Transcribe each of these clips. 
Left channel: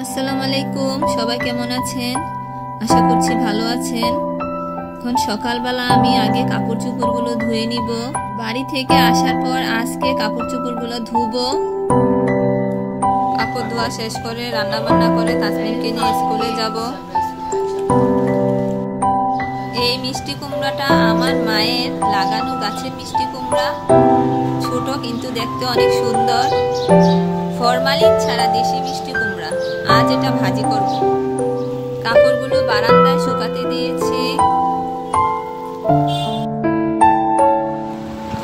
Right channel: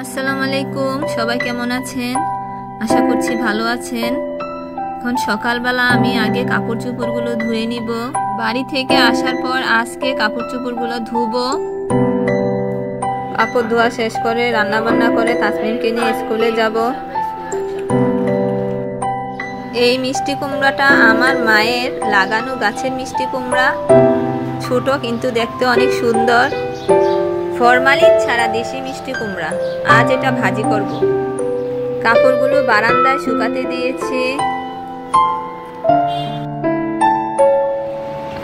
আসসালামু আলাইকুম, সবাই কেমন আছেন? আশা করছি ভালো আছেন। এখন সকালবেলা আমি আগে কাপড় চোপড়গুলো ধুয়ে নিব। বাড়ি থেকে আসার পর আজকে কাপড় চোপড়গুলো ধুবো। কাপড় ধোয়া শেষ করে রান্না বান্না করে তাসনিমকে নিয়ে স্কুলে যাব। এই মিষ্টি কুমড়াটা আমার মায়ের লাগানো গাছের মিষ্টি কুমড়া। ছোট কিন্তু দেখতে অনেক সুন্দর, ফরমালিন ছাড়া দেশি মিষ্টি কুমড়া। আজ এটা ভাজি করব। কাপড়গুলো বারান্দায় শুকাতে দিয়েছি।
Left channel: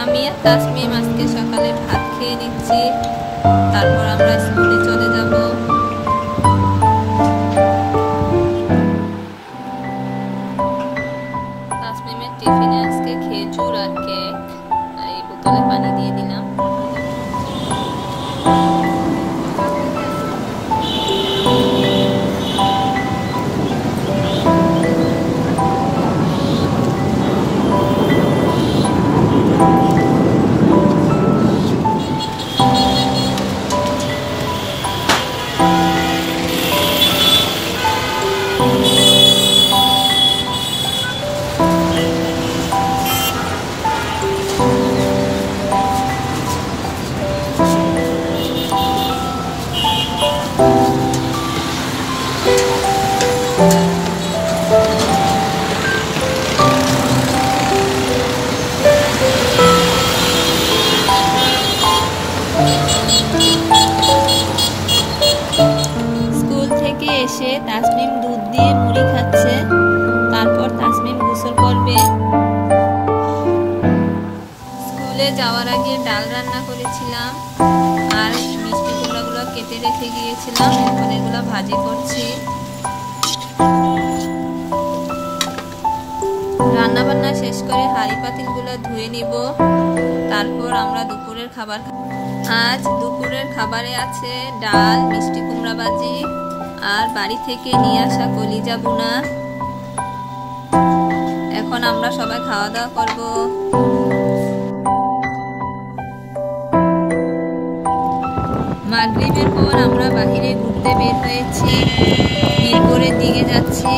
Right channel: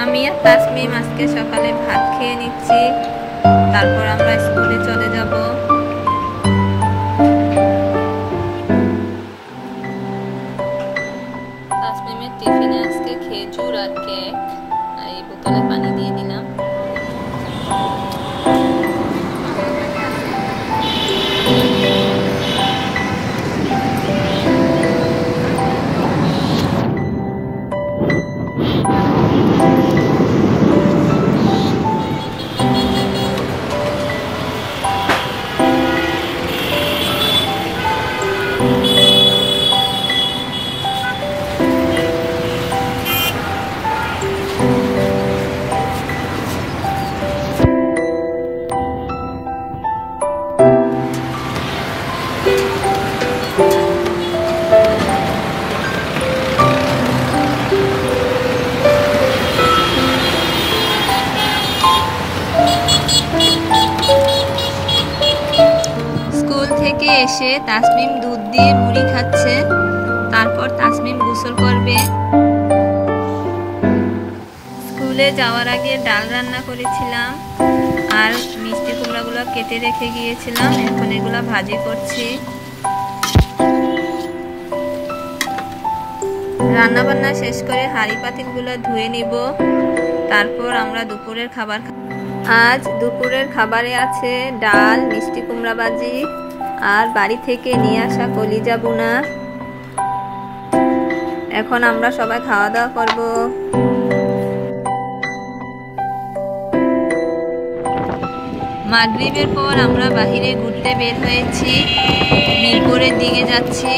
আমি আর তাসমিম আজকে সকালে ভাত খেয়ে নিচ্ছি, তারপর আমরা স্কুলে চলে যাব। তাসমিমের টিফিনে আজকে খেজুর আর কেক, আর এই বোতলে পানি দিয়ে দিলাম। এসে তাসমিম দুধ দিয়ে মুড়ি খাচ্ছে, তারপর তাসমিম গোসল করবে। স্কুলে যাওয়ার আগে ডাল রান্না করেছিলাম আর মিষ্টি কুমড়াগুলো কেটে রেখে গিয়েছিলাম, এখন এগুলো ভাজি করছি। রান্না বান্না শেষ করে হাঁড়ি পাতিলগুলো ধুয়ে নিব, তারপর আমরা দুপুরের খাবার। আজ দুপুরের খাবারে আছে ডাল, মিষ্টি কুমড়া ভাজি আর বাড়ি থেকে নিয়ে আসা কলিজা বুনা। এখন আমরা সবাই খাওয়া দাওয়া করব। মাগরিবের পর আমরা বাহিরে ঘুরতে বের হয়েছি, মিরপুরের দিকে যাচ্ছি।